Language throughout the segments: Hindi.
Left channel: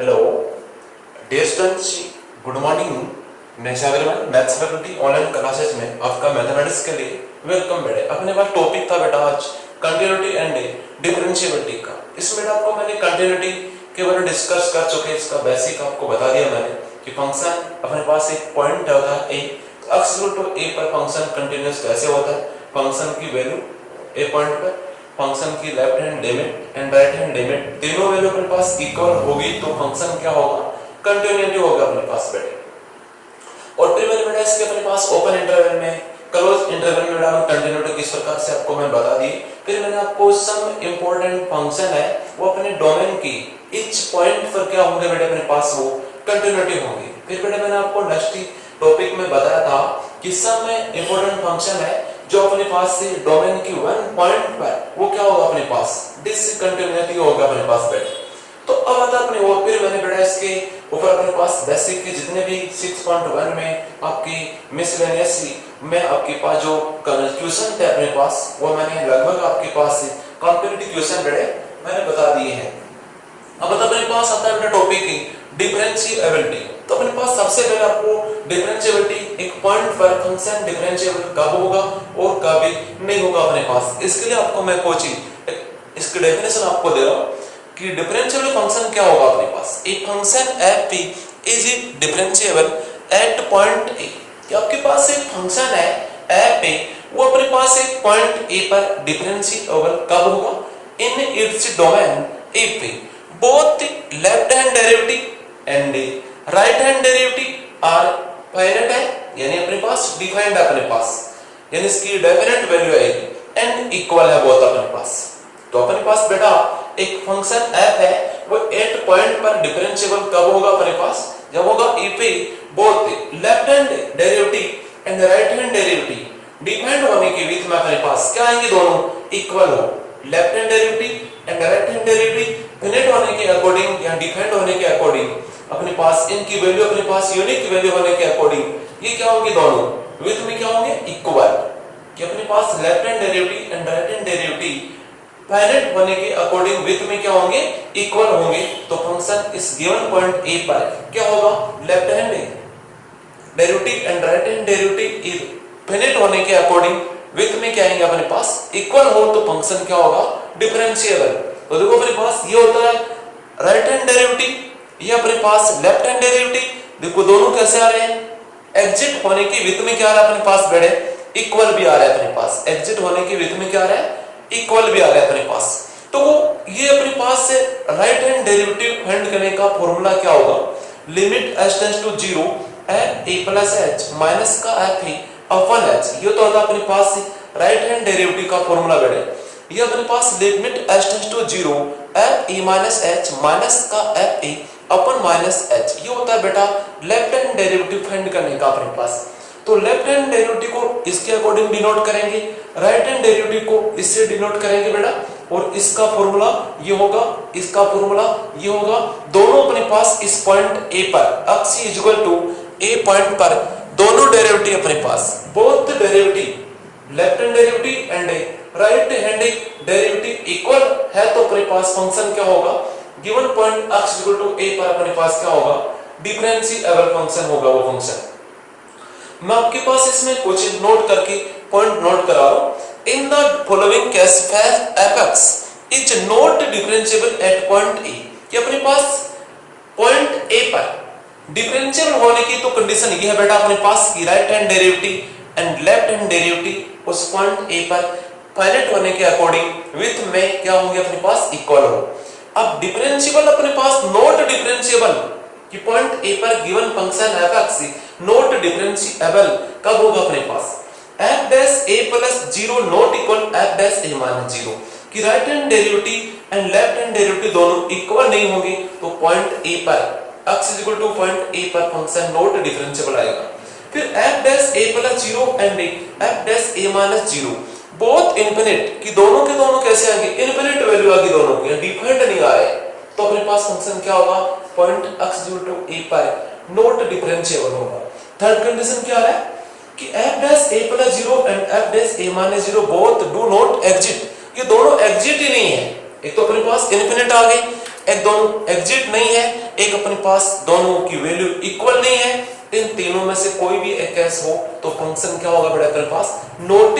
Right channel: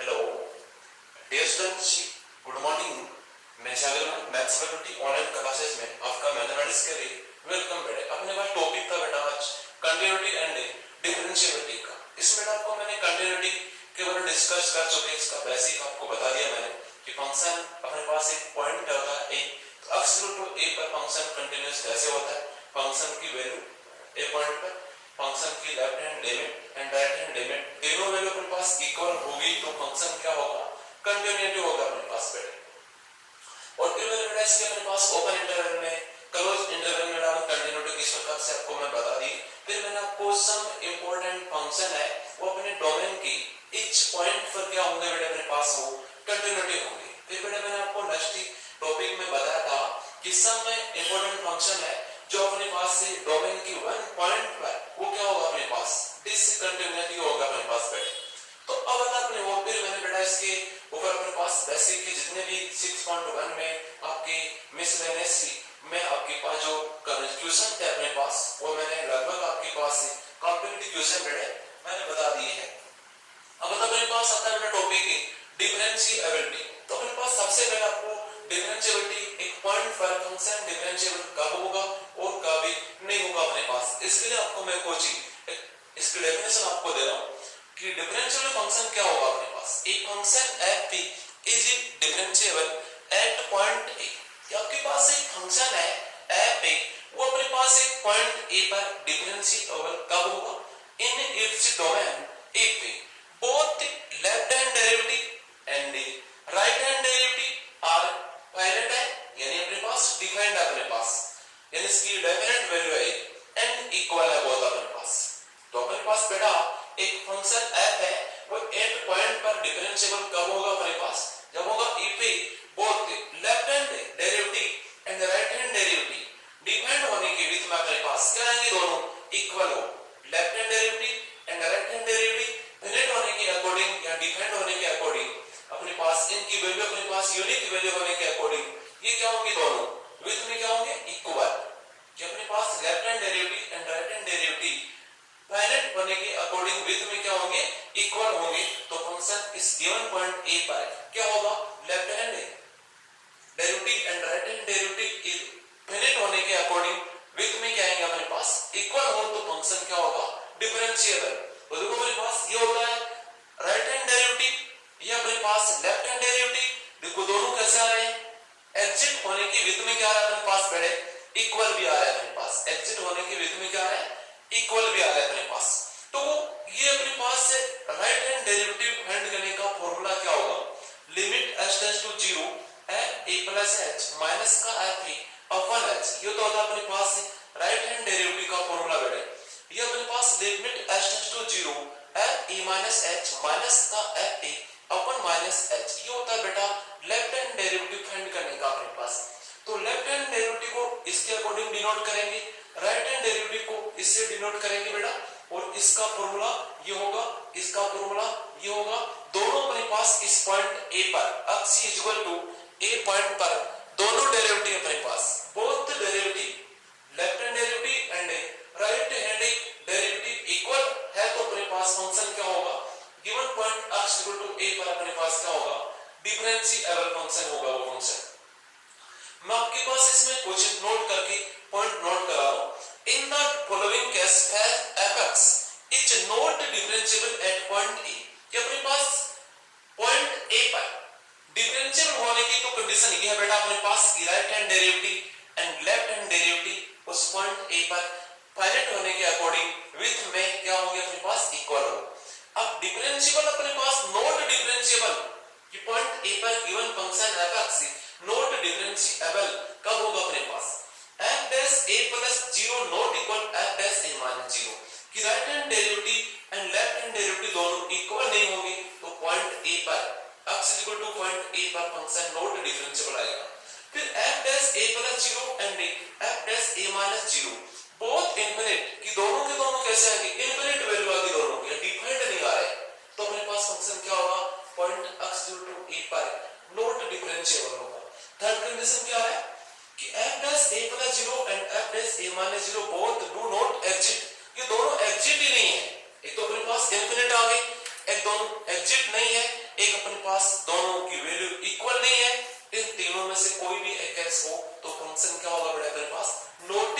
Hello dear students, good morning. मैं Shagir maths faculty online classes में आपका मैथमेटिक्स के लिए वेलकम। बेटे अपने पास टॉपिक था बेटा आज कंटिन्यूटी एंड डिफरेंशिएबिलिटी का। इसमें बेटा आपको मैंने कंटिन्यूटी के बारे में डिस्कस कर चुके, इसका बेसिक आपको बता दिया मैंने कि फंक्शन अपने पास एक पॉइंट होता है ए, तो x इक्वल टू a पर फंक्शन कंटिन्यूअस कैसे होता है। फंक्शन की वैल्यू ए पॉइंट पर, फंक्शन की left hand limit and right hand limit तीनों वैल्यू अपने पास इक्वल होगी तो फंक्शन क्या होगा, कंटिन्यूटी होगा अपने पास बेटे। और फिर मैंने बेटा इसके अपने पास ओपन इंटरवल में, क्लोज इंटरवल में बेटा कंटिन्यूटी किस प्रकार से आपको मैं बता दी। फिर मैंने आपको सम इंपॉर्टेंट फंक्शन है वो अपने डोमेन की ईच पॉइंट पर क्या होंगे बेटे, अपने पास वो कंटिन्यूटी होंगी। फिर बेटे मैंने आपको नेक्स्ट टॉपिक में बताया था कि सम में इंपॉर्टेंट फंक्शन है जो अपने पास से डोमेन की वन पॉइंट पर वो क्या होगा अपने पास, डिसकंटिन्यूटी होगा अपने पास बेटे। तो अब आता अपने और फिर मैंने बेटा इसके ऊपर अपने पास बेसिक के जितने भी 6.1 में आपकी मिसलेनियस में आपके पास जो क्वेश्चन थे अपने पास वो मैंने लगभग आपके पास कॉम्पिटिटिव क्वेश्चन बेटे मैंने बता दिए हैं। अब अपने पास आता है बेटा टॉपिक की डिफरेंशिएबिलिटी। तो अपने पास सबसे पहले आपको डिफरेंशिएबिलिटी एक पॉइंट पर फंक्शन डिफरेंशिएबल कब होगा और कब नहीं होगा अपने पास। इसके लिए आपको मैं कोचिंग इसकी डेफिनेशन आपको दे रहा हूं कि डिफरेंशिएबल फंक्शन क्या होगा अपने पास। A function f p is differentiable at point a. कि आपके पास एक फंक्शन है एफ ए, वो अपने पास एक पॉइंट ए पर डिफरेंशिएबल कब होगा, इन इट्स डोमेन ए पे both left hand derivative and right hand derivative are finite है, यानी अपने पास डिफाइंड है अपने पास, यानी इसकी डेफिनेट वैल्यू आएगी एंड इक्वल है बहुत अपने पास। तो अपने पास बेटा एक फंक्शन f है वो 8 पॉइंट पर डिफरेंशिएबल कब होगा अपने पास, जब होगा e पे both left hand derivative and right hand derivative defined होने के बीच में अपने पास क्या आएंगे, दोनों इक्वल हो। Left hand derivative and right hand derivative finite होने के अकॉर्डिंग या डिफाइंड होने के अकॉर्डिंग अपने पास इनकी वैल्यू अपने पास यूनिक वैल्यू होने के अकॉर्डिंग ये क्या होगी, दोनों विथ में क्या होंगे, इक्वल। कि अपने पास left hand derivative and right hand derivative finite होने के अकॉर्डिंग विथ में क्या होंगे, इक्वल होंगे। तो फंक्शन इस गिवन पॉइंट ए पर क्या होगा, left hand derivative and right hand derivative is finite होने के अकॉर्डिंग विथ में क्या आएंगे अपने पास, इक्वल हो तो फंक्शन क्या होगा, डिफरेंशिएबल। तो देखो अपने पास ये होता है राइट हैंड डेरिवेटिव, ये अपने पास लेफ्ट हैंड डेरिवेटिव। देखो दोनों कैसे आ रहे हैं, एग्जिट होने की विथ में क्या आ रहा है अपने पास बेटे, इक्वल भी आ रहा है अपने पास। एग्जिट होने की विथ में क्या आ रहा है, इक्वल भी आ रहा है अपने पास। तो ये अपने पास से राइट हैंड डेरिवेटिव फाइंड करने का फॉर्मूला क्या होगा, limit h tends to 0 a plus h minus का f अपॉन h। ये तो होता है अपने पास राइट हैंड डेरिवेटिव का फॉर्मूला बेटे। ये अपने पास limit h tends to 0 f e minus h minus का f e upon minus h। ये होता है बेटा लेफ्ट हैंड डेरिवेटिव फाइंड करने का अपने पास। तो लेफ्ट हैंड डेरिवेटिव को इसके अकॉर्डिंग डिनोट करेंगे, राइट हैंड डेरिवेटिव को इससे डिनोट करेंगे बेटा। और इसका फॉर्मूला ये होगा, इसका फॉर्मूला ये होगा। दोनों अपने पास इस पॉइंट ए पर x is equal to a point पर दोनों डेरिवेटिव अपने पास, both derivative left hand derivative and right hand derivative equal है तो अपने पास फंक्शन क्या होगा, given point x equal to a पर अपने पास क्या होगा, डिफरेंशिएबल फंक्शन होगा वो फंक्शन। मैं आपके पास इसमें कुछ नोट करके पॉइंट नोट करा रहा हूं। In the following case fx is not differentiable at point a। ये अपने पास पॉइंट a पर डिफरेंशिएबल होने की तो कंडीशन ये है बेटा अपने पास की right hand derivative and left hand derivative उस पॉइंट a पर फाइनाइट होने के अकॉर्डिंग विथ में क्या होंगे अपने पास, इक्वल हो। अब डिफरेंशिएबल अपने पास नॉट डिफरेंशिएबल कि पॉइंट a पर given function fx not differentiable कब होगा अपने पास, f dash a plus 0 not equal f dash a minus 0। कि right hand derivative and left hand derivative दोनों इक्वल नहीं होंगे तो पॉइंट a पर x is equal two point a पर फंक्शन नॉट डिफरेंशिएबल आएगा। फिर f dash a plus 0 and f dash a minus 0 both infinite कि दोनों के दोनों कैसे आएंगे, इनफिनिट वैल्यू आएगी दोनों की, डिफाइंड नहीं आ रहे। तो अपने पास फंक्शन क्या होगा, point x equal to a पर नॉट डिफरेंशिएबल होगा। थर्ड कंडीशन क्या है कि f dash a plus 0 and f dash a minus 0 both do not exist. ये दोनों एग्जिट ही नहीं है, एक तो अपने पास इनफिनिट आ गई, एक दोनों एग्जिट नहीं है, एक अपने पास दोनों की वैल्यू इक्वल नहीं है, इन तीनों में से कोई भी एक केस हो तो फंक्शन क्या होगा बेटा अपने पास नॉट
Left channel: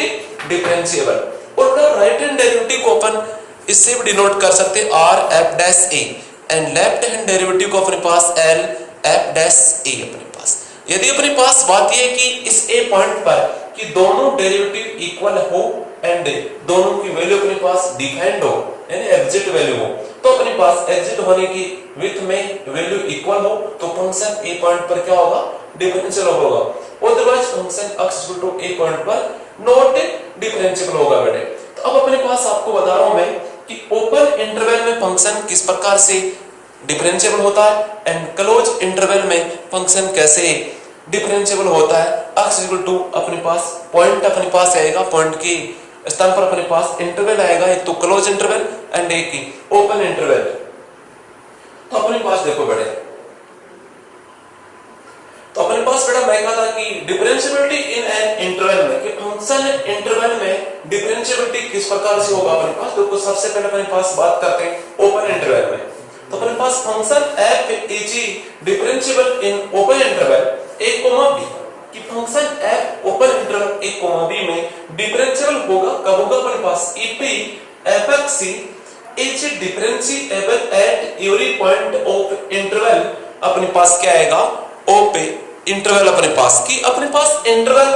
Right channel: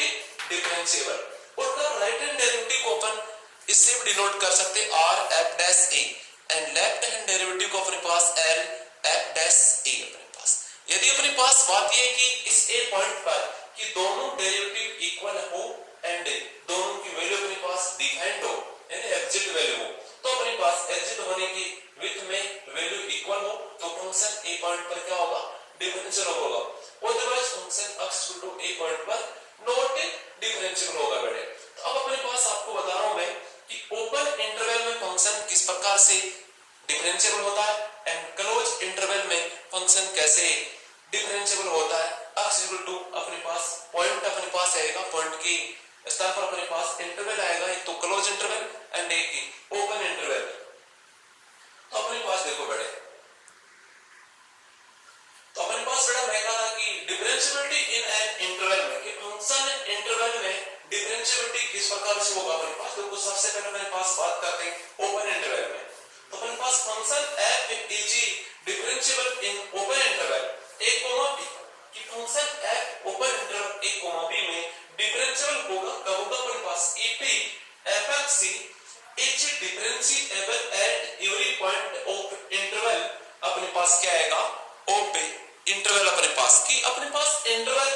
डिफरेंशिएबल। और राइट हैंड डेरिवेटिव को अपन इससे भी डिनोट कर सकते हैं R F dash A, and left hand derivative को अपने पास एल एफ डैश ए अपने पास। यदि अपने पास बात यह है कि इस ए पॉइंट पर कि दोनों डेरिवेटिव इक्वल हो एंड दोनों की वैल्यू अपने पास डिफाइंड हो यानी एग्जिट वैल्यू हो, तो अपने पास एग्जिट होने की विथ में वैल्यू इक्वल हो तो फंक्शन ए पॉइंट पर क्या होगा डिफरेंशियल होगा, otherwise function x to a point पर नॉट डिफरेंशियल होगा बेटे। तो अब अपने पास आपको बता रहा हूं मैं कि ओपन इंटरवल में फंक्शन किस प्रकार से डिफरेंशियल होता है एंड क्लोज इंटरवल में फंक्शन कैसे डिफरेंशियल होता है। x टू अपने पास पॉइंट अपने पास आएगा, पॉइंट की स्थान पर अपने पास इंटरवल आएगा, एक तो क्लोज इंटरवल एंड एक ही ओपन इंटरवल। तो अपने पास देखो बेटे, तो अपने पास बेटा मैं कहा था कि डिफरेंशियबिलिटी इन एन इंटरवल में कि फंक्शन इंटरवल में डिफरेंशियबिलिटी किस प्रकार से होगा अपने पास। तो सबसे पहले अपने पास बात करते हैं ओपन इंटरवल में। तो अपने पास function f is differentiable in open interval a, b कि function f open interval a, b में डिफरेंशिएबल होगा कब होगा अपने पास ep fx is differentiable at every point of interval. अपने पास क्या आएगा o पे इंटरवल अपने पास की अपने पास interval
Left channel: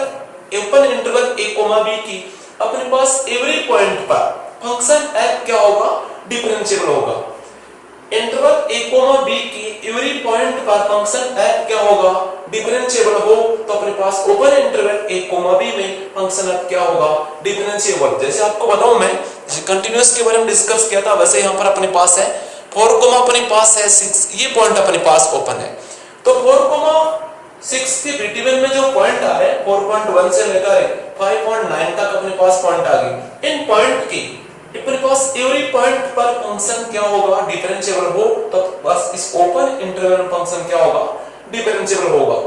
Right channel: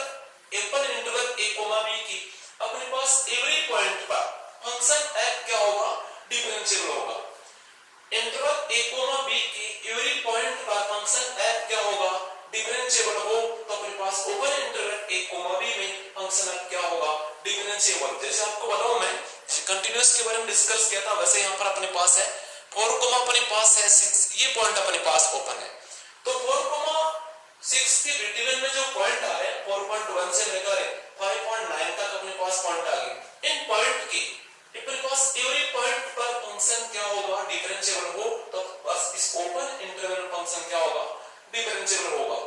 open interval a, b की अपने पास एवरी पॉइंट पर फंक्शन f क्या होगा डिफरेंशिएबल होगा। इंटरवल a, b की एवरी पॉइंट पर फंक्शन f क्या होगा डिफरेंशिएबल हो तो अपने पास ओपन इंटरवल a, b में फंक्शन f क्या होगा डिफरेंशिएबल। जैसे आपको बताऊं मैं कंटीन्यूअस के बारे में डिस्कस किया था वैसे यहां पर अपने पास है 4, अपने पास है 6, ये पॉइंट अपने पास ओपन है। तो 4,6 के बिटवीन में जो पॉइंट आ रहे हैं 4.1 से लेकर 5.9 तक अपने पास पॉइंट आ गए। इन पॉइंट की अपने पास एवरी पॉइंट पर फंक्शन क्या होगा डिफरेंशिएबल हो तो बस इस ओपन इंटरवल में फंक्शन क्या होगा डिफरेंशिएबल होगा।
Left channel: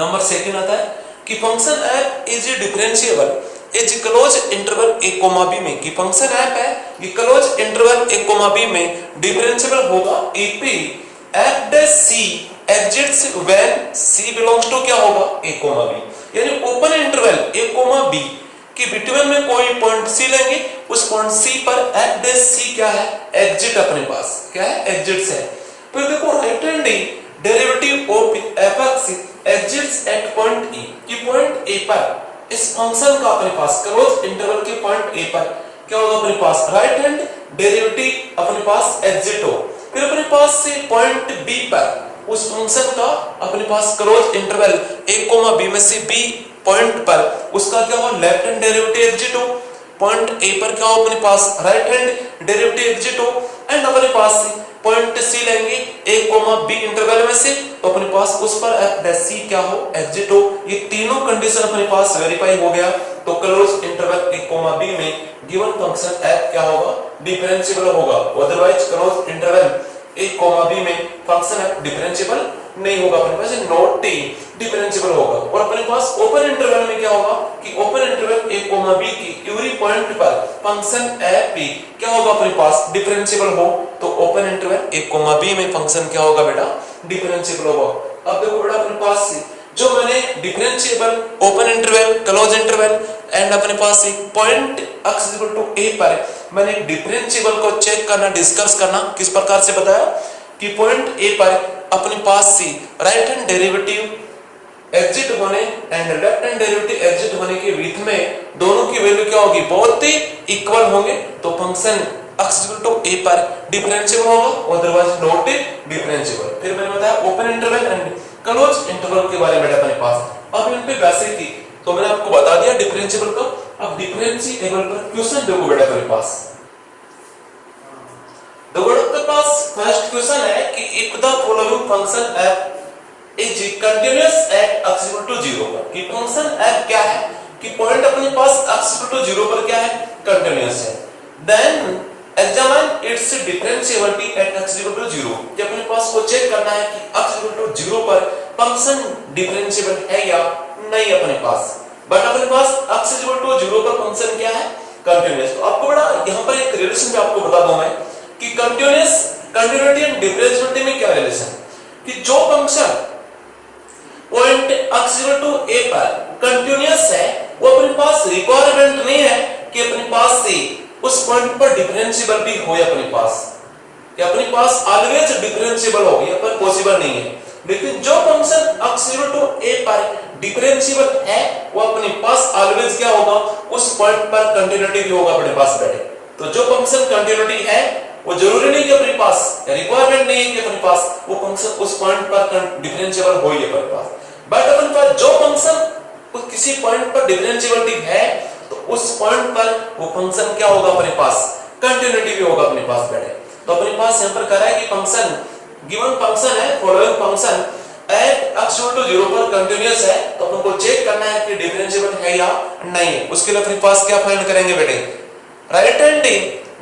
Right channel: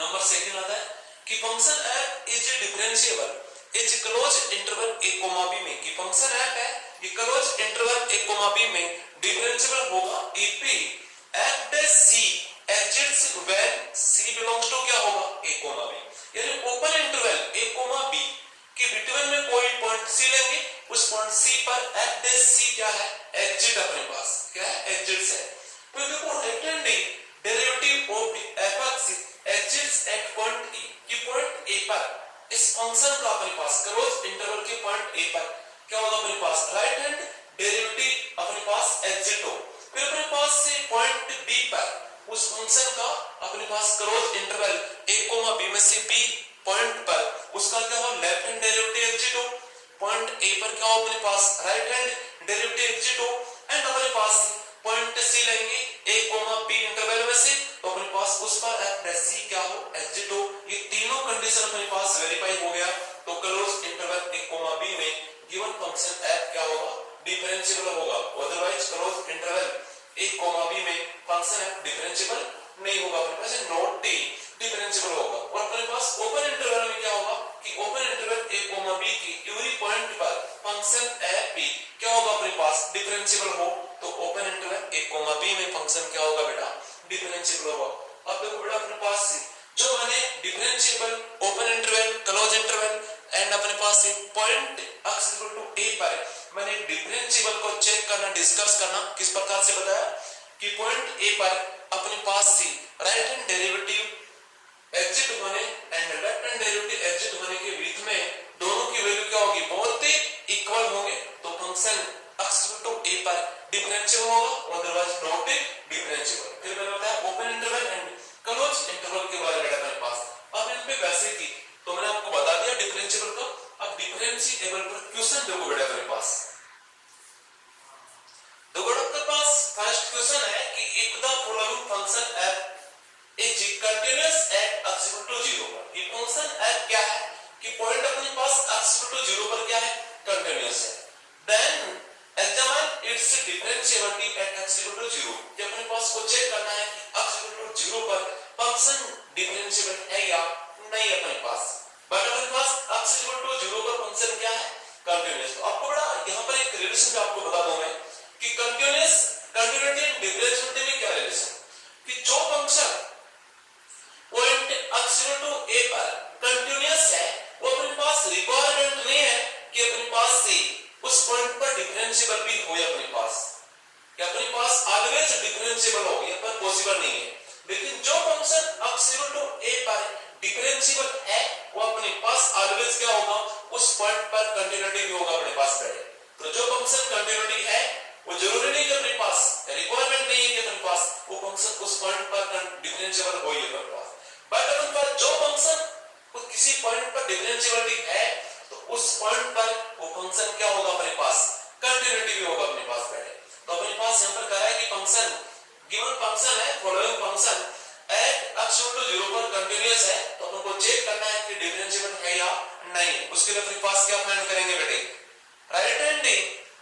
नंबर सेकंड आता है कि function f is differentiable is close interval a, b में कि फंक्शन f है ये क्लोज इंटरवल a, b में डिफरेंशिएबल होगा ep f dash c exists when c belongs to क्या होगा a, b यानी ओपन इंटरवल a, b कि बिटवीन में कोई पॉइंट c लेंगे उस पॉइंट c पर f डैश c क्या है एग्जिट अपने पास क्या है एग्जिट्स है। फिर देखो right hand derivative of fx exists at point e कि पॉइंट a पर इस फंक्शन का अपने पास क्लोज इंटरवल के पॉइंट a पर क्या होगा अपने पास राइट हैंड डेरिवेटिव अपने पास एग्जिट हो। फिर अपने पास से पॉइंट b पर उस फंक्शन का अपने पास क्लोज इंटरवल a, b में से b पॉइंट पर उसका क्या हो लेफ्ट हैंड डेरिवेटिव एग्जिट हो, पॉइंट a पर क्या हो अपने पास राइट हैंड डेरिवेटिव एग्जिट हो एंड अपने पास पॉइंट c लेंगे a, b इंटरवल में से तो अपने पास उस पर f डैश c क्या हो एग्जिट हो। ये तीनों कंडीशन अपने पास वेरीफाई हो गया तो क्लोज इंटरवल a, b में गिवन फंक्शन f क्या होगा डिफरेंशिएबल होगा, otherwise close interval a, b में फंक्शन f डिफरेंशिएबल नहीं होगा, अपने पास नॉट डिफरेंशिएबल होगा। और अपने पास ओपन इंटरवल में क्या होगा कि ओपन इंटरवल a, b की एवरी पॉइंट पर फंक्शन f क्या होगा अपने पास डिफरेंशिएबल हो तो ओपन इंटरवल a, b में फंक्शन क्या होगा बेटा डिफरेंशिएबल होगा। अब देखो बेटा अपने पास जो मैंने differentiable open interval close interval and अपने पास पॉइंट x a पर मैंने डिफरेंशिएबल को चेक करना डिस्कस करना किस प्रकार से बताया कि पॉइंट a पर अपने पास से राइट हैंड डेरिवेटिव एग्जिट होने and left hand derivative exit होने के बीच में दोनों की वैल्यू क्या होगी बहुत ही इक्वल होंगे तो फंक्शन x a पर डिफरेंशिएबल होगा, अदरवाइज नॉट डिफरेंशिएबल। फिर मैंने बताया open interval and close interval के बारे में अपने पास। अब इन पे वैसे थी तो मैंने आपको बता दिया डिफरेंशिएबल का। अब डिफरेंशिएबल पर क्वेश्चन देखो बेटा अपने पास। देखो आपके पास फर्स्ट क्वेश्चन है कि if the following function f is continuous at x 0 पर कि फंक्शन f क्या है कि पॉइंट अपने पास x 0 पर क्या है कंटीन्यूअस है, then examine its differentiability at x 0 कि अपने पास को चेक करना है कि x 0 पर फंक्शन डिफरेंशिएबल है या नहीं अपने पास। बट अपने पास x 0 पर फंक्शन क्या है कंटीन्यूअस। तो आपको बड़ा यहां पर एक रिलेशन भी आपको बता दूं मैं कि कंटीन्यूअस कंटिन्यूटी एंड डिफरेंशिएबिलिटी में क्या रिलेशन कि जो function point x to a पर कंटीन्यूअस है वो अपने पास रिक्वायरमेंट नहीं है कि अपने पास से उस पॉइंट पर डिफरेंशिएबल भी हो अपने पास कि अपने पास ऑलवेज डिफरेंशिएबल हो ये पर पॉसिबल नहीं है। लेकिन जो फंक्शन x टू a पर डिफरेंशिएबल है वो अपने पास ऑलवेज क्या होगा उस पॉइंट पर कंटीन्यूटी भी होगा अपने पास बैठे। तो जो फंक्शन कंटीन्यूटी है वो जरूरी नहीं कि अपने पास रिक्वायरमेंट नहीं है कि अपने पास वो फंक्शन उस पॉइंट पर डिफरेंशिएबल हो ये अपने पास। बट अपने पास जो फंक्शन किसी पॉइंट पर डिफरेंशिएबिलिटी है तो उस पॉइंट पर वो फंक्शन क्या होगा अपने पास कंटीन्यूटी भी होगा अपने पास बैठे। तो अपने पास यहां पर कह रहा है कि फंक्शन गिवन फंक्शन है following function at x to 0 पर कंटीन्यूअस है तो अपन को चेक करना है कि डिफरेंशिएबल है या नहीं। उसके लिए अपने पास क्या फाइंड करेंगे बेटे right hand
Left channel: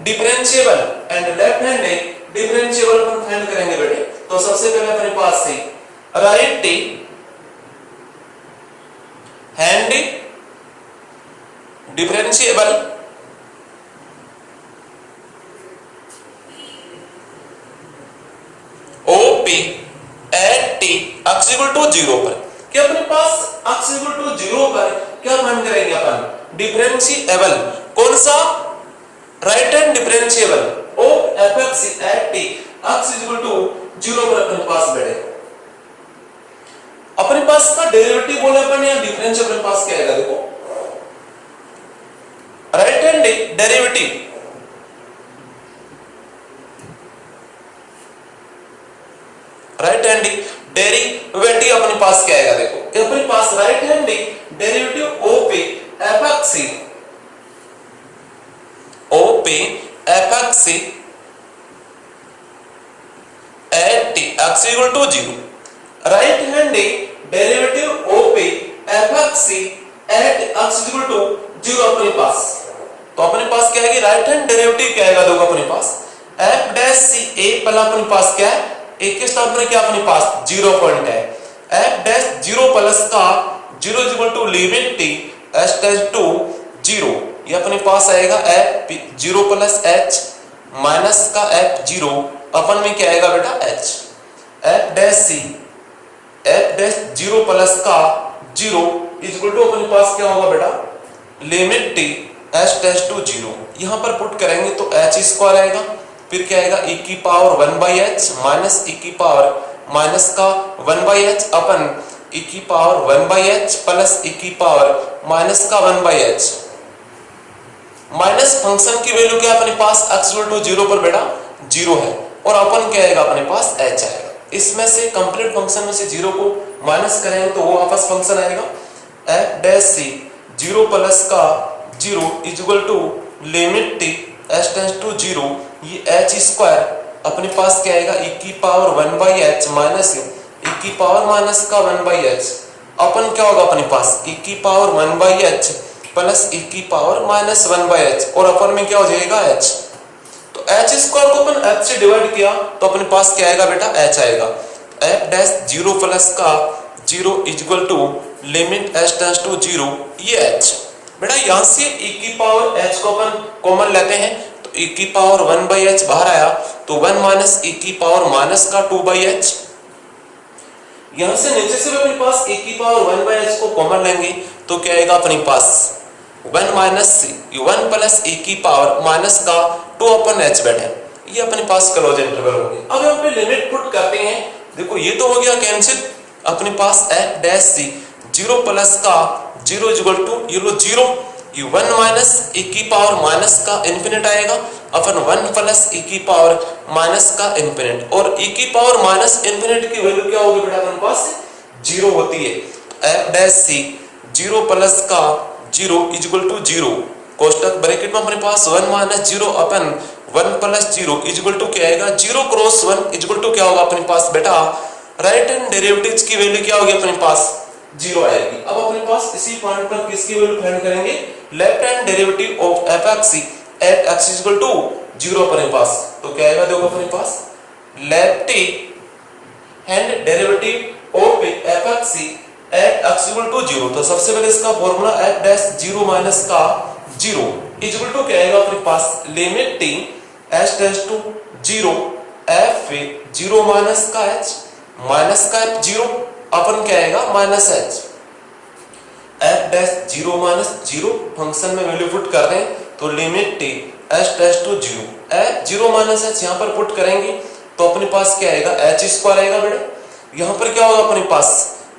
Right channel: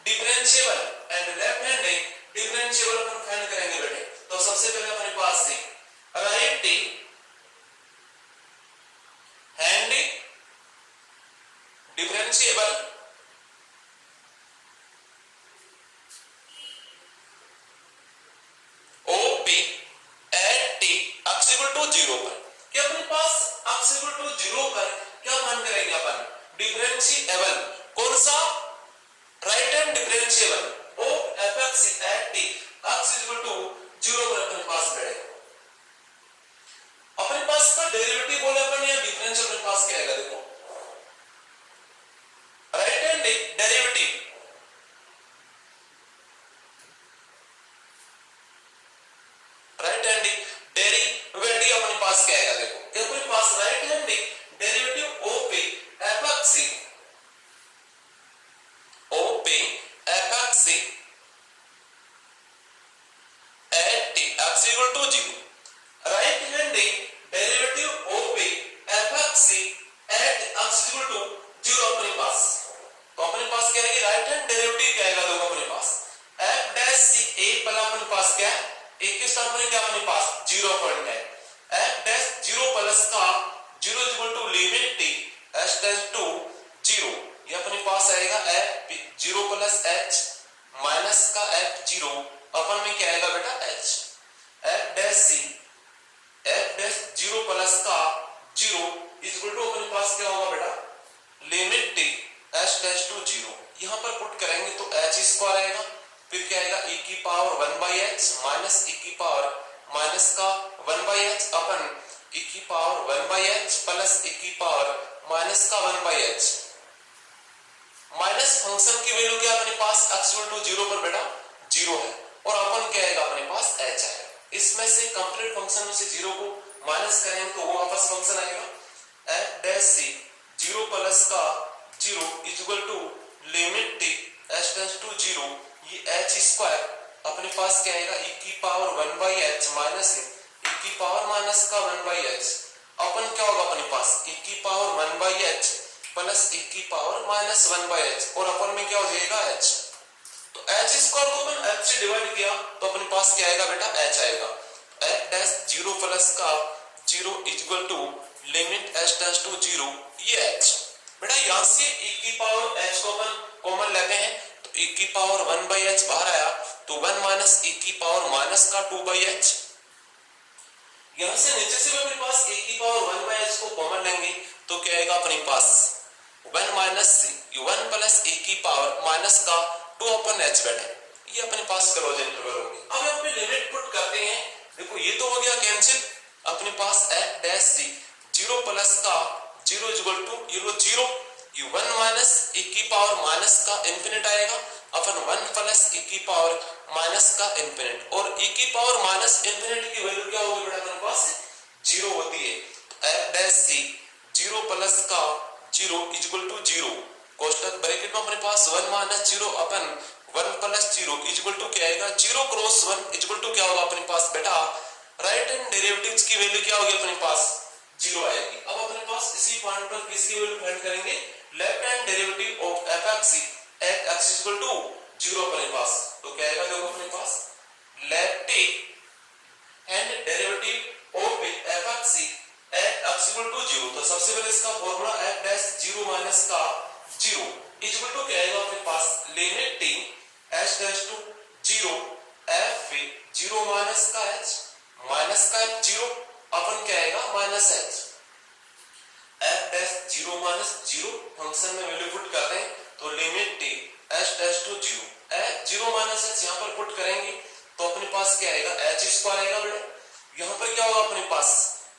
differentiable and left hand differentiable अपन फाइंड करेंगे बेटे। तो सबसे पहले अपने पास से right hand differentiable OP at x to 0 पर क्या अपने पास x टू 0 पर क्या फाइंड करेंगे अपन डिफरेंशिएबल कौन सा right hand differentiable of fx at x to 0 पर अपने पास बैठे। अपने पास का डेरिवेटिव बोले अपन या डिफरेंशियल अपने पास क्या आएगा देखो right hand derivative right hand derivative अपने पास क्या आएगा देखो अपने पास right hand derivative of fx at x to 0 right hand derivative of fx at x to 0 अपने पास। तो अपने पास क्या है कि राइट हैंड डेरिवेटिव क्या आएगा देखो अपने पास f डैश c a पहला अपने पास क्या है एक के स्थान पर क्या अपने पास 0 पॉइंट है f डैश 0 प्लस का 0 is equal to limit t s dash to 0 ये अपने पास आएगा f 0 प्लस h माइनस का f 0 अपन में क्या आएगा बेटा h f dash c f dash 0 plus का 0 इज इक्वल टू अपने पास क्या होगा बेटा limit t s dash to 0 यहां पर पुट करेंगे तो h स्क्वायर आएगा फिर क्या आएगा e की पावर 1/h माइनस e की पावर माइनस का 1/h अपन e की पावर 1/h प्लस e की पावर माइनस का 1/h माइनस फंक्शन की वैल्यू क्या अपने पास x टू 0 पर बेटा 0 है और अपन क्या आएगा अपने पास h आएगा। इसमें से कंप्लीट फंक्शन में से 0 को माइनस करेंगे तो वो वापस फंक्शन आएगा f डैश c 0 प्लस का 0 is equal to limit t s tends to 0 ये h स्क्वायर अपने पास क्या आएगा e की पावर 1/h माइनस e की पावर माइनस का 1/h अपन क्या होगा अपने पास e की पावर 1/h प्लस e की पावर माइनस 1/h और अपन में क्या हो जाएगा h। तो h स्क्वायर को अपन h से डिवाइड किया तो अपने पास क्या आएगा बेटा h आएगा f डैश 0 प्लस का 0 is equal to limit s tends to 0 ये h बेटा यहां से e की पावर h को अपन कॉमन लेते हैं तो e की पावर 1/h बाहर आया तो 1 माइनस e की पावर माइनस का 2/h यहां से नीचे से अपने पास e की पावर 1/h को कॉमन लेंगे तो क्या आएगा अपने पास 1 माइनस 1 प्लस e की पावर माइनस का 2/h बैठे ये अपने पास क्लोज इंटरवल हो गया। अब हम पे लिमिट पुट करते हैं देखो ये तो हो गया कैंसिल अपने पास f डैश c 0 प्लस का 0 इज इक्वल टू ये लो 0 ये 1 माइनस e की पावर माइनस का इंफिनिट आएगा अपन 1 प्लस e की पावर माइनस का इंफिनिट और e की पावर माइनस इंफिनिट की वैल्यू क्या होगी बेटा अपने पास 0 होती है तो f डैश c 0 प्लस का 0 इज इक्वल टू 0 कोष्टक ब्रैकेट में अपने पास 1 माइनस 0 अपन 1 प्लस 0 इज इक्वल टू क्या आएगा 0 क्रॉस 1 इज इक्वल टू क्या होगा अपने पास बेटा राइट हैंड डेरिवेटिव्स की वैल्यू क्या होगी अपने पास 0 आएगी। अब अपने पास इसी पॉइंट पर किसकी वैल्यू फाइंड करेंगे left hand derivative of fx at x is equal to 0 अपने पास तो क्या आएगा देखो अपने पास left hand derivative of fx at x equal to 0 तो सबसे पहले इसका फार्मूला f डैश 0 माइनस का 0 इज इक्वल टू क्या आएगा अपने पास limit t s tends to 0 f zero minus का एच, माइनस का एच जीरो, अपन क्या आएगा minus h, f dash zero minus zero, function में वैल्यू पुट कर रहे हैं तो limit t h dash to zero, h zero minus h यहाँ पर पुट करेंगे तो अपने पास क्या आएगा एच स्क्वायर आएगा बेटे। यहाँ पर क्या होगा अपने पास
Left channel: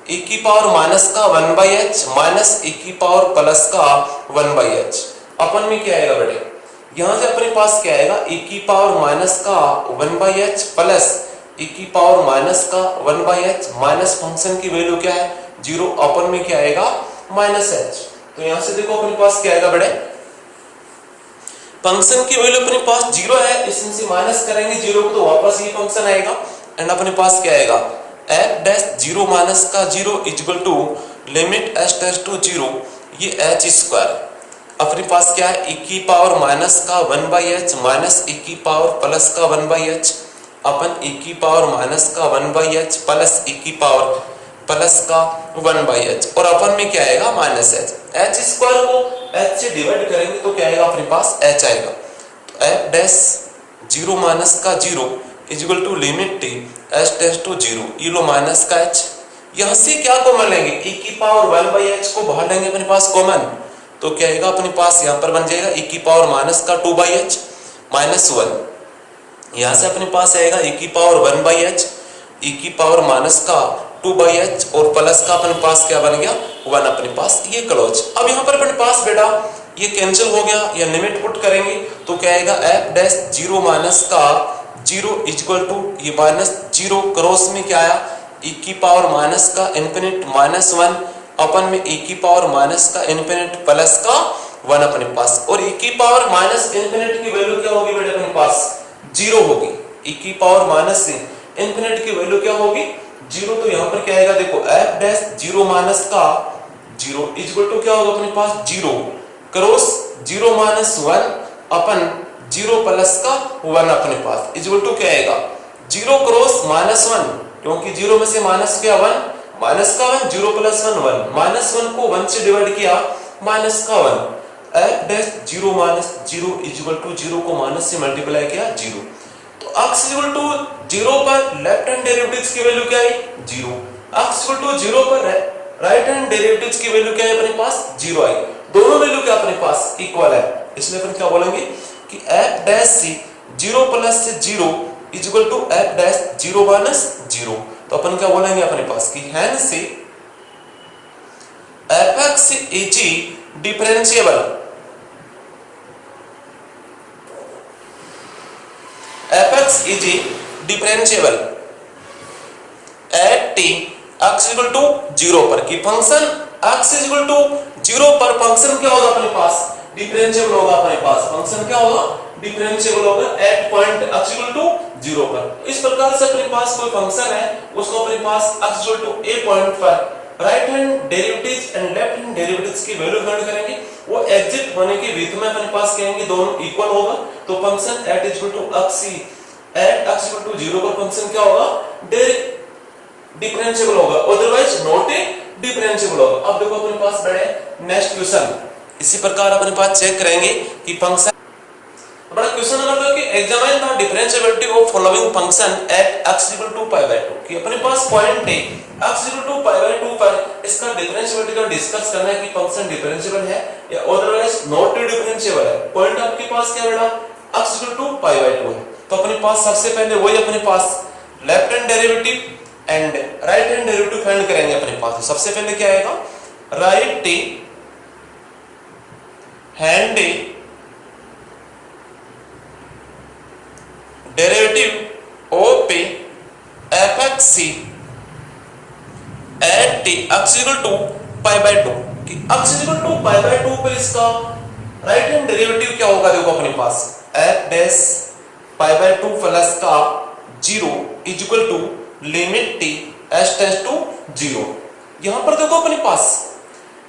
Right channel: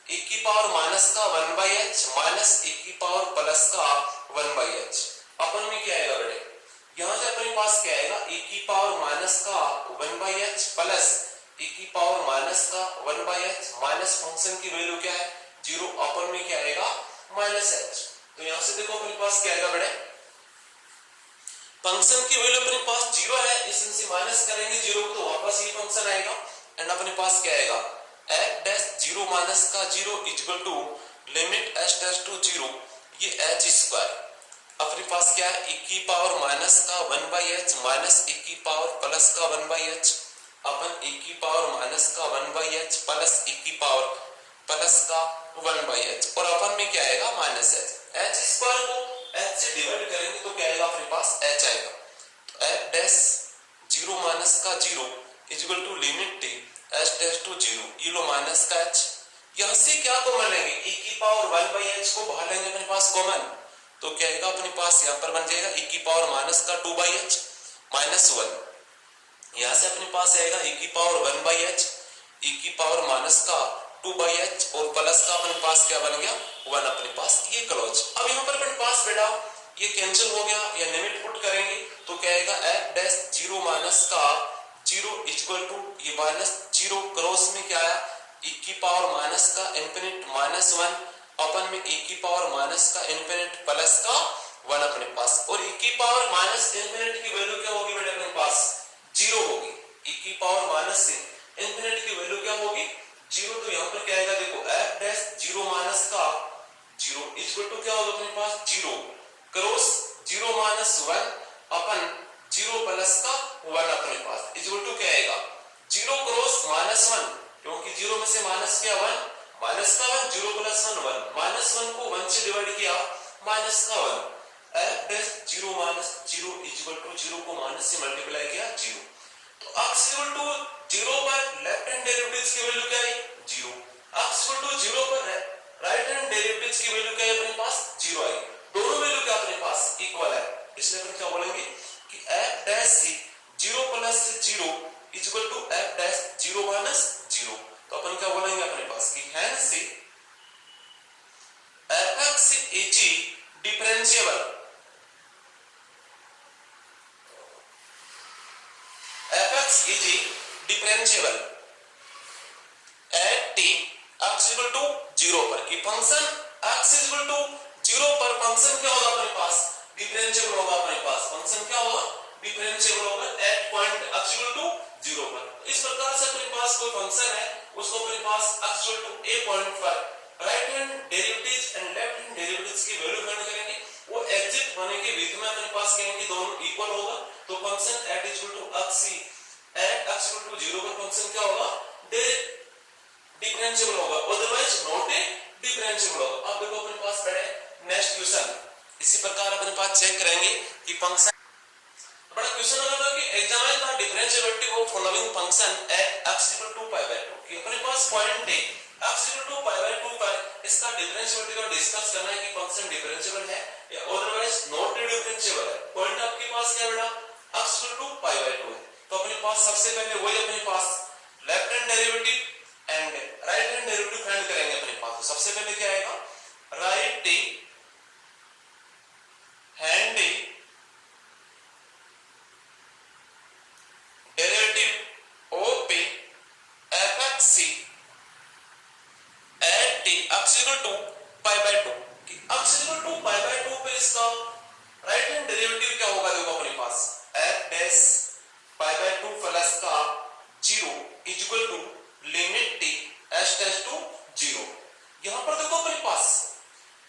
e की पावर माइनस का 1 बाई एच माइनस e की पावर प्लस का 1 बाई एच, अपन में क्या आएगा बेटे, यहाँ से अपने पास क्या आएगा e की पावर माइनस का 1 बाई एच प्लस e की पावर माइनस का 1 बाई एच माइनस फंक्शन की वैल्यू क्या है जीरो, अपन में क्या आएगा माइनस एच। तो यहां से देखो अपने पास क्या आएगा बड़े, फंक्शन की वैल्यू अपने पास जीरो है, इसमें से माइनस करेंगे जीरो को तो वापस ये फंक्शन आएगा एंड अपने पास क्या आएगा एफ डैश जीरो माइनस का zero equal to limit h dash to zero, ये एच स्क्वायर अपने पास क्या है e की पावर माइनस का 1 बाई एच माइनस e की पावर प्लस का 1 बाई एच, अपन e की पावर माइनस का 1 बाई एच प्लस e की पावर प्लस का 1 बाई एच, और अपन में क्या आएगा माइनस एच, एच स्क्वायर को एच से डिवाइड करेंगे तो क्या आएगा अपने पास एच आएगा। तो एफ डैश जीरो माइनस का zero equal to limit t h dash to zero, ये लो माइनस का एच, यहाँ से क्या कॉमन लेंगे e की पावर 1 बाई एच को बाहर लेंगे अपने पास कॉमन, तो क्या आएगा अपने पास यहाँ पर बन जाएगा e की पावर माइनस का 2 बाई एच माइनस 1, यहाँ से अपने पास आएगा e की पावर 1 बाई एच, e की पावर माइनस का 2 बाई एच और प्लस का अपने पास क्या बन गया 1 अपने पास, ये क्लोज। अब यहाँ पर अपने पास बेटा ये कैंसिल हो गया, या लिमिट पुट करेंगे तो क्या आएगा एफ डैश जीरो माइनस का जीरो इक्वल टू ये माइनस जीरो, क्रॉस में क्या आया e की पावर माइनस का इन्फिनिट माइनस 1, अपन में e की पावर माइनस का इन्फिनिट प्लस का 1 अपने पास, और e की पावर माइनस इन्फिनिट की वैल्यू क्या होगी बेटा अपने पास जीरो होगी, e की पावर माइनस से इन्फिनिट की वैल्यू क्या होगी जीरो, तो यहाँ पर क्या आएगा देखो एफ डैश जीरो माइनस का जीरो इक्वल टू क्या होगा अपने पास जीरो, क्रॉस जीरो माइनस 1 अपन जीरो प्लस का 1 अपने पास इक्वल टू क्या आएगा जीरो क्रॉस माइनस 1, क्योंकि जीरो में से माइनस क्या 1, माइनस का 1 जीरो प्लस 1 1, माइनस 1 को 1 से डिवाइड किया माइनस का 1, f dash zero minus zero equal to zero को माइनस से मल्टीप्लाई किया जीरो, तो x इक्वल टू जीरो पर लेफ्ट हैंड डेरिवेटिव्स की वैल्यू क्या आई zero, x equal to zero पर राइट हैंड डेरिवेटिव्स की वैल्यू क्या है अपने पास जीरो आई, दोनों वैल्यू क्या अपने पास इक्वल है, इसलिए अपन क्या बोलेंगे कि f dash c zero plus से zero equal to f dash zero minus zero, तो अपन क्या बोलेंगे अपने पास कि hence fx is differentiable, fx is differentiable at t x equal to 0 पर, कि फंक्शन x equal to 0 पर फंक्शन क्या होगा अपने पास डिफरेंशिएबल होगा, अपने पास फंक्शन क्या होगा डिफरेंशिएबल होगा at point x equal to 0 पर। इस प्रकार से अपने पास कोई फंक्शन है उसको अपने पास x equal to a point पर right hand derivatives and left hand derivatives की वैल्यू फाइंड करेंगे, वो एग्जिट होने के विध में अपने पास कहेंगे दोनों इक्वल होगा, तो function at equal to x at x equal to 0 पर फंक्शन क्या होगा डिफरेंशिएबल होगा, अदरवाइज नॉट डिफरेंशिएबल होगा। अब देखो अपने पास बड़े नेक्स्ट क्वेश्चन, इसी प्रकार अपने पास चेक करेंगे कि फंक्शन बड़ा क्वेश्चन मतलब कि examine the differentiability of following function at x equal to pi by 2, कि अपने पास पॉइंट है x equal to pi by 2 पर इसका डिफरेंशिएबिलिटी का डिस्कस करना है कि फंक्शन डिफरेंशिएबल है या अदरवाइज नॉट डिफरेंशिएबल है। पॉइंट आपके पास क्या बेटा x equal to pi by 2 है, तो अपने पास सबसे पहले वही अपने पास left hand derivative and right hand derivative find करेंगे अपने पास। सबसे पहले क्या आएगा right hand derivative of fx at t x equal to pi by 2, कि x equal to pi by 2 पर इसका राइट हैंड डेरिवेटिव क्या होगा देखो अपने पास f dash pi by 2 plus का 0 equal to limit t h dash to 0। यहां पर देखो अपने पास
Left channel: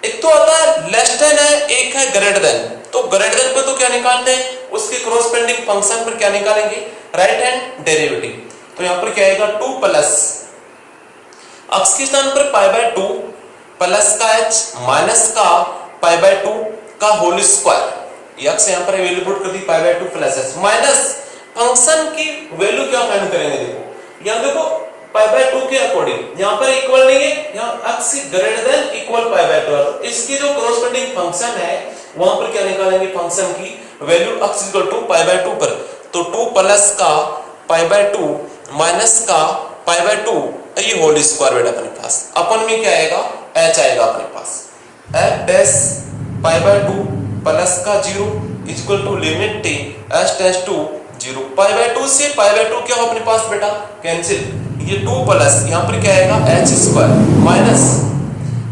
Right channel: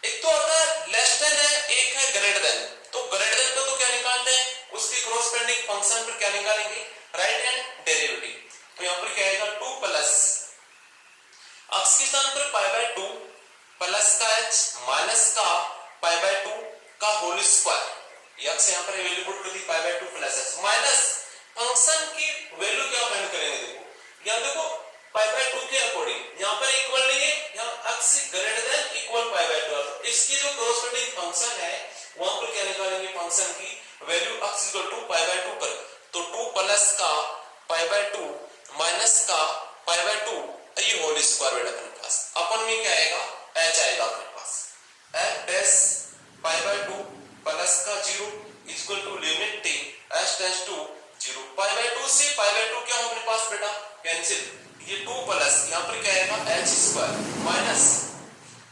एक तो आता है लेस देन है, एक है ग्रेटर देन, तो ग्रेटर देन पे तो क्या निकालते हैं उसके क्रॉसपेंडिंग फंक्शन पर क्या निकालेंगे राइट हैंड डेरिवेटिव, तो यहां पर क्या आएगा 2 प्लस x के स्थान पर पाई बाय 2 प्लस का h माइनस का पाई बाय 2 का होल स्क्वायर, x यहां पर वैल्यू पुट कर दी pi by 2 plus h minus function की वैल्यू क्या फाइंड करेंगे, देखो यहाँ देखो पाई बाय 2 के अकॉर्डिंग यहाँ पर इक्वल नहीं है, यहाँ x greater than equal pi by 2 है, इसकी जो कॉरस्पॉन्डिंग फंक्शन है वहां पर क्या निकालेंगे, फंक्शन की value x equal to pi by 2 पर, तो 2 प्लस का पाई बाय 2 माइनस का पाई बाय 2 ये होल स्क्वायर बेटा अपने पास, अपन में क्या आएगा h आएगा अपने पास, f dash pi by 2 plus का 0 equal to limit t h tends to 0, pi by 2 से पाई बाय 2 क्या हो अपने पास बेटा कैंसिल, ये 2 प्लस यहाँ पर क्या आएगा h square minus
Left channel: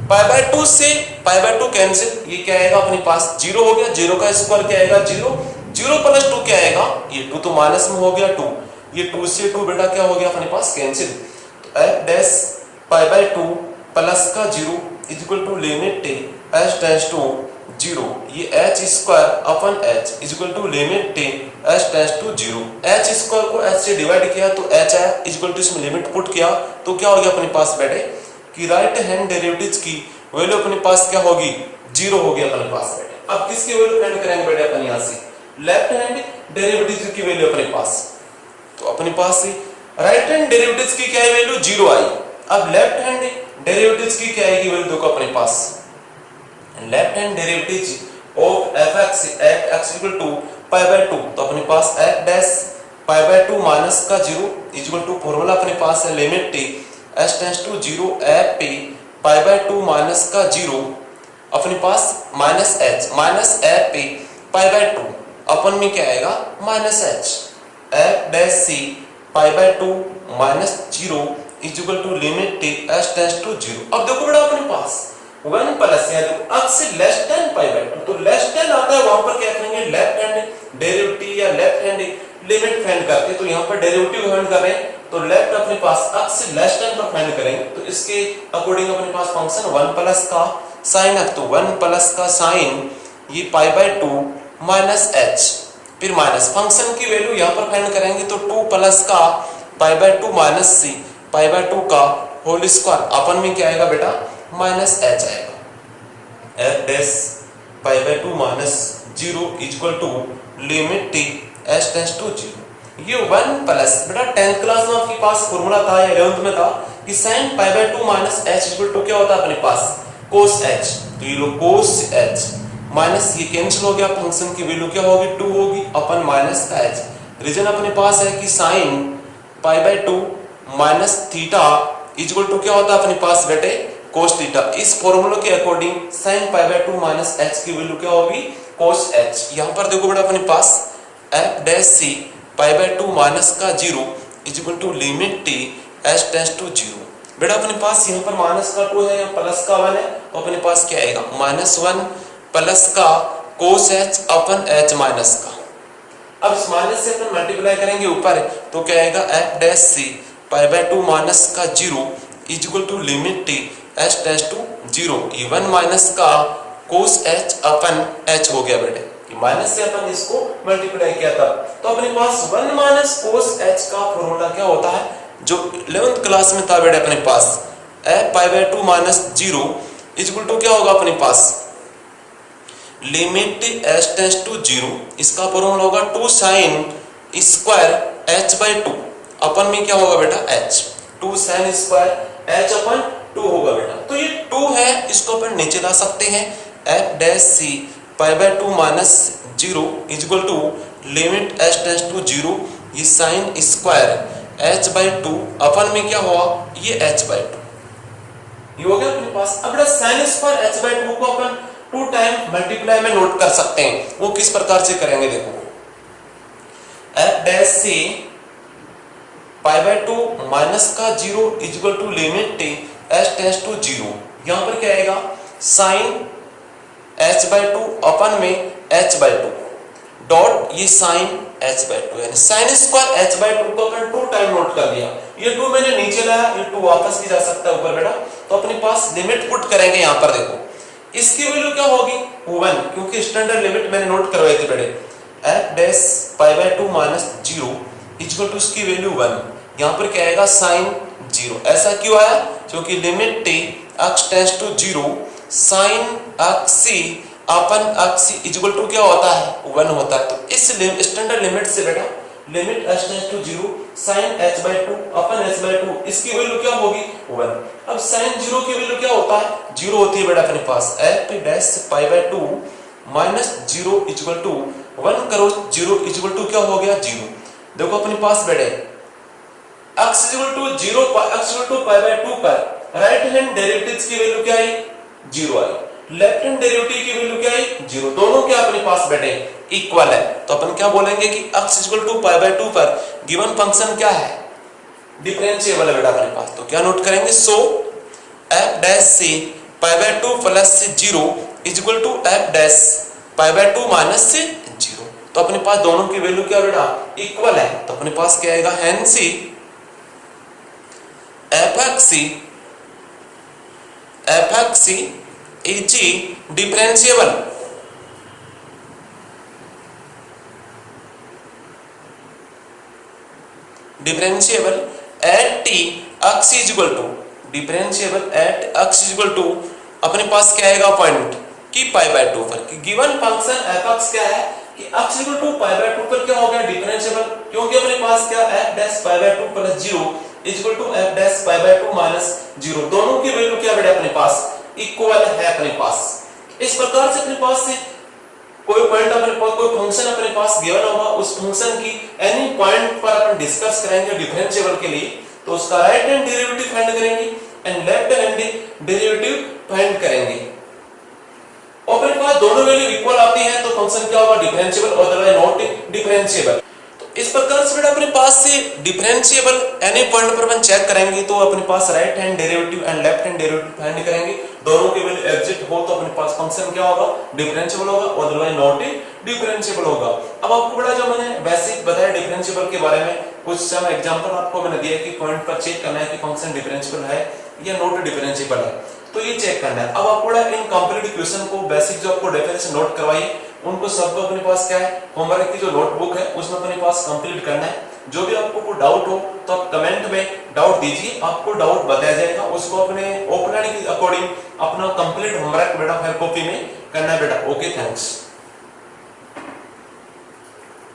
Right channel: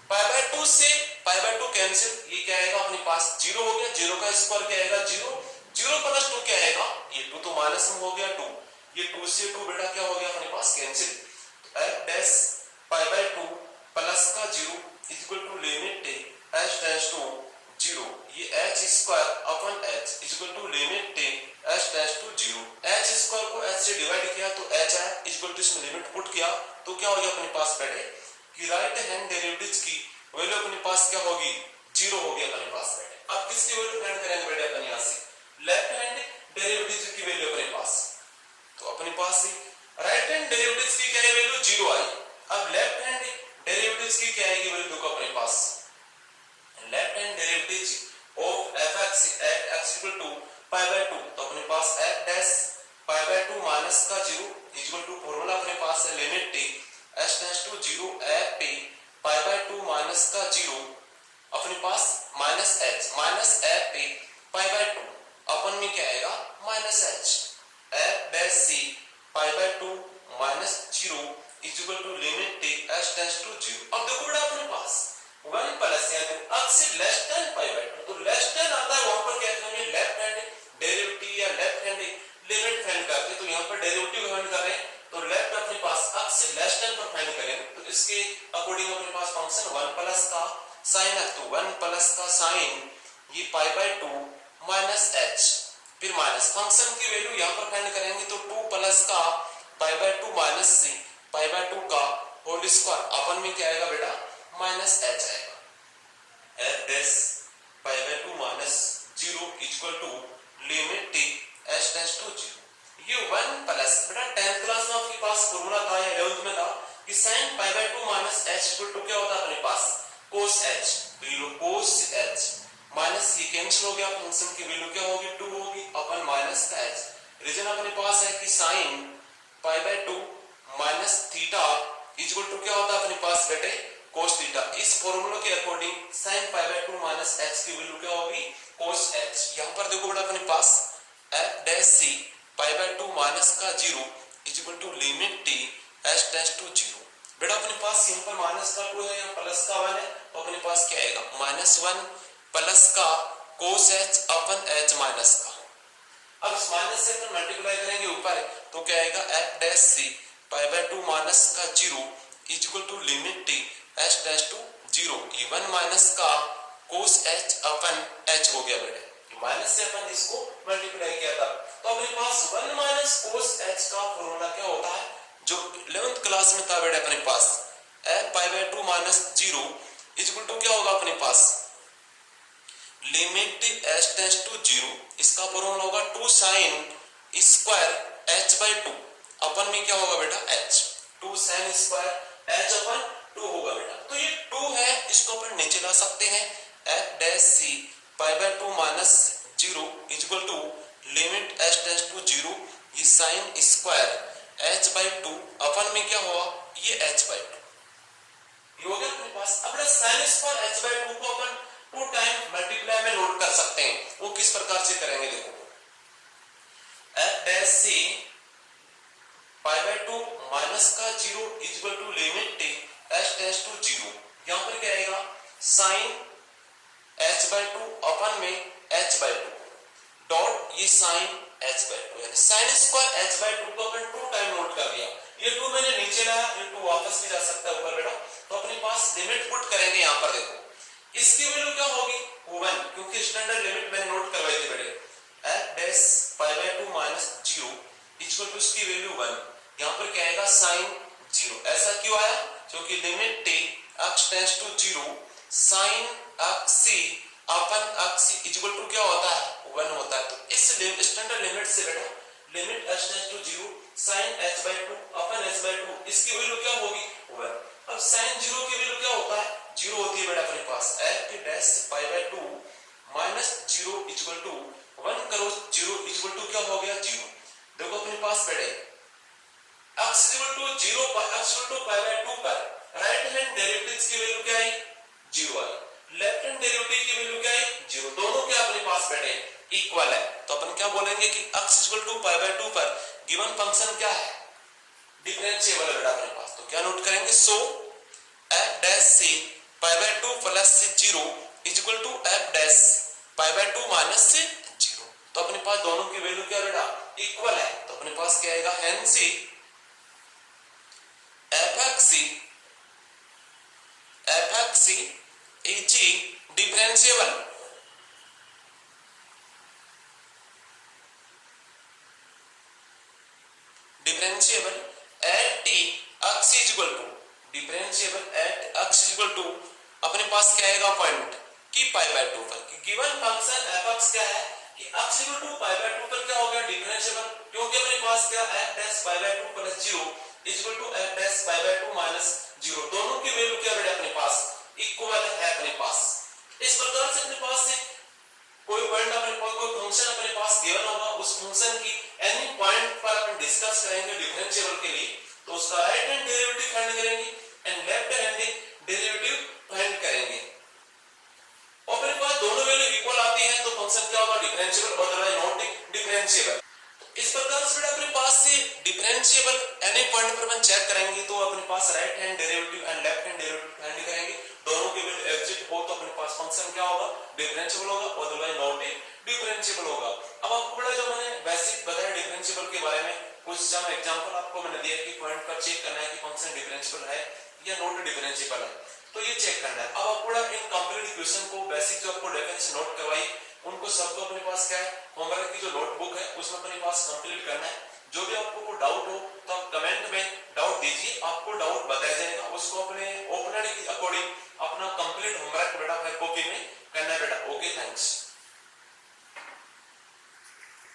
pi by 2 से पाई बाय 2 कैंसिल, ये क्या आएगा अपने पास 0 हो गया, 0 का स्क्वायर क्या आएगा 0, 0 प्लस 2 क्या आएगा, ये 2 तो माइनस में हो गया 2, ये 2 से 2 बेटा क्या हो गया अपने पास कैंसिल, तो f dash pi by 2 plus का 0 equal to limit t h tends to 0, ये h स्क्वायर अपन h equal to limit t h tends to 0, h square को h से डिवाइड किया तो h आया इक्वल टू इसमें लिमिट पुट किया तो क्या हो गया अपने पास बेटे कि राइट हैंड डेरिवेटिव्स की वैल्यू अपने पास क्या होगी 0 हो गया अपने पास बेटे। अब किसकी वैल्यू फाइंड करेंगे बेटे अपन यहाँ से लेफ्ट हैंड डेरिवेटिव्स की वैल्यू अपने पास, तो अपने पास राइट हैंड डेरिवेटिव्स की क्या है वैल्यू 0 आई, अब लेफ्ट हैंड डेरिवेटिव्स की क्या आएगी वैल्यू देखो अपने पास, left hand derivative of fx at x equal to pi by 2, तो अपने पास f dash pi by 2 minus का 0 इक्वल टू फॉर्मूला अपने पास है limit t h tends to 0 f p pi by 2 minus का 0 अपने पास minus h minus f p pi by 2 अपन में क्या आएगा minus h f dash c pi by 2 minus 0 equal to limit t h tends to 0। अब देखो बेटा अपने पास 1 प्लस x से लेस देन पाई बाय 2, तो लेस देन आता है वहां पर क्या करेंगे लेफ्ट हैंड डेरिवेटिव या लेफ्ट हैंड लिमिट फाइंड करके, तो यहाँ पर डेरिवेटिव फाइंड कर रहे हैं तो लेफ्ट अपने पास x से लेस देन पर फाइंड करेंगे, तो इसके अकॉर्डिंग अपने पास फंक्शन 1 प्लस का sin x, तो 1 प्लस का sin ये पाई बाय 2 माइनस h, फिर माइनस फंक्शन की वैल्यू यहाँ पर फाइंड करेंगे तो 2 प्लस का पाई by 2 minus c pi by 2 का होल स्क्वायर, अपन में क्या आएगा बेटा माइनस h आएगा, f dash pi by 2 minus 0 equal to limit t h tends to 0, ये 1 प्लस बेटा 10th क्लास में आपके पास फॉर्मूला था या 11th में था कि sin pi by 2 minus h equal to क्या होता है अपने पास cos h, तो ये लो cos h माइनस ये कैंसिल हो गया, फंक्शन की वैल्यू क्या होगी 2 होगी अपन माइनस का h, रीजन अपने पास है कि sin pi by 2 minus theta equal to क्या होता है अपने पास बेटे cos थीटा, इस फॉर्मूले के according sin pi by 2 minus h की वैल्यू क्या होगी cos h। यहाँ पर देखो बेटा अपने पास f dash c pi by 2 minus का 0 equal to limit t h tends to 0, बेटा अपने पास यहाँ पर माइनस का 2 है या प्लस का 1 है, तो अपने पास क्या आएगा माइनस 1 प्लस का cos h अपन h माइनस का, अब इस माइनस से अपन मल्टीप्लाई करेंगे ऊपर तो क्या आएगा f dash c pi by 2 minus का 0 equal to limit t h tends to 0, ये 1 माइनस का cos h अपन h हो गया बेटे, माइनस से अपन इसको मल्टीप्लाई किया था, तो अपने पास 1 माइनस cos h का फॉर्मूला क्या होता है जो 11th क्लास में था बेटे अपने पास f pi by 2 minus 0 equal to क्या होगा अपने पास लिमिट h टेंड्स टू 0, इसका फॉर्मूला होगा 2 sin स्क्वायर h बाय 2, अपन में क्या होगा बेटा h, 2 sin स्क्वायर h अपन 2 होगा बेटा, तो ये 2 है इसको अपन नीचे ला सकते हैं f dash c pi by 2 minus 0 equal to limit h tends to 0, ये sin स्क्वायर h बाय 2 अपन में क्या हुआ ये h बाय 2, ये हो गया अपने पास। अब बेटा sin स्क्वायर h बाय 2 को अपन 2 टाइम मल्टीप्लाई में नोट कर सकते हैं, वो किस प्रकार से करेंगे देखो f dash c pi by 2 minus का 0 equal to limit t h tends to 0, यहाँ पर क्या आएगा sin h बाय 2 अपन में h बाय 2 डॉट ये sin h बाय 2, यानी sin स्क्वायर h बाय 2 को अपन 2 टाइम नोट कर दिया, ये 2 मैंने नीचे लाया, ये 2 वापस भी जा सकता है ऊपर बेटा, तो अपने पास लिमिट पुट करेंगे यहाँ पर देखो इसकी वैल्यू क्या होगी 1, क्योंकि स्टैंडर्ड लिमिट मैंने नोट करवाई थी बेटे f dash pi by 2 minus 0 equal to इसकी वैल्यू 1, यहाँ पर क्या आएगा sin 0, ऐसा क्यों आया क्योंकि limit t x tends to 0 sin x अपन x इक्वल टू क्या होता है 1 होता है, तो इस स्टैंडर्ड लिमिट से बेटा limit h tends to 0 sin h/2 अपन h/2 इसकी वैल्यू क्या होगी 1। अब sin 0 की वैल्यू क्या होता है 0 होती है बेटा अपने पास f dash π/2 minus 0 equal to 1 करो 0 इक्वल टू क्या हो गया 0। देखो अपने पास बेटे x equal to 0 x equal to π/2 पर राइट हैंड डेरिवेटिव्स की वैल्यू क्या आई 0 आई, लेफ्ट हैंड डेरिवेटिव की वैल्यू क्या आई 0। दोनों क्या अपने पास बेटे इक्वल है, तो अपन क्या बोलेंगे कि x इक्वल टू π/2 पर गिवन फंक्शन क्या है डिफरेंशिएबल है बेटा अपने पास। तो क्या नोट करेंगे सो f डैश से π/2 plus 0 equal to f dash π/2 minus से 0। तो अपने पास दोनों की वैल्यू क्या बेटा इक्वल है, तो अपने पास क्या आएगा hence fx is differentiable at x is equal to differentiable at x is equal to अपने पास क्या आएगा पॉइंट कि π/2 पर कि गिवन फंक्शन fx क्या है कि x इक्वल टू π/2 पर क्या हो गया डिफरेंशिएबल, क्योंकि अपने पास क्या f dash π/2 plus 0 equal to f dash π/2 minus 0। दोनों की वैल्यू क्या बेटा अपने पास इक्वल है अपने पास। इस प्रकार से अपने पास से कोई पॉइंट अपने पास कोई फंक्शन अपने पास गिवन होगा, उस फंक्शन की एनी पॉइंट पर अपन डिस्कस करेंगे डिफरेंशिएबल के लिए, तो उसका राइट हैंड डेरिवेटिव फाइंड करेंगे and left hand derivative find करेंगे। और अपने पास दोनों वैल्यू इक्वल आती है तो फंक्शन क्या होगा डिफरेंशिएबल, अदरवाइज नॉट डिफरेंशिएबल। इस प्रकार से बेटा अपने पास से डिफरेंशिएबल एनी पॉइंट पर अपन चेक करेंगे तो अपने पास right hand derivative and left hand derivative find करेंगे, दोनों के वैल्यू एग्जिस्ट हो तो अपने पास फंक्शन क्या होगा डिफरेंशिएबल होगा, अदरवाइज नॉट डिफरेंशिएबल होगा। अब आपको बड़ा जो मैंने बेसिक बताया डिफरेंशिएबल के बारे में, कुछ सम एग्जांपल आपको मैंने दिया कि पॉइंट पर चेक करना है कि फंक्शन डिफरेंशिएबल है या नॉट डिफरेंशिएबल है, तो ये चेक करना है। अब आपको इन कंप्लीट क्वेश्चन को बेसिक जो आपको डेफिनेशन नोट करवाइए उनको सबको अपने पास क्या है होमवर्क की जो नोटबुक है उसमें अपने पास कंप्लीट करना है। जो भी आपको कोई डाउट हो तो आप कमेंट में डाउट दीजिए, आपको डाउट बताया जाएगा, उसको अपने ओपनर के अकॉर्डिंग अपना कंप्लीट होमवर्क बेटा हर कॉपी में करना है बेटा। Okay thanks.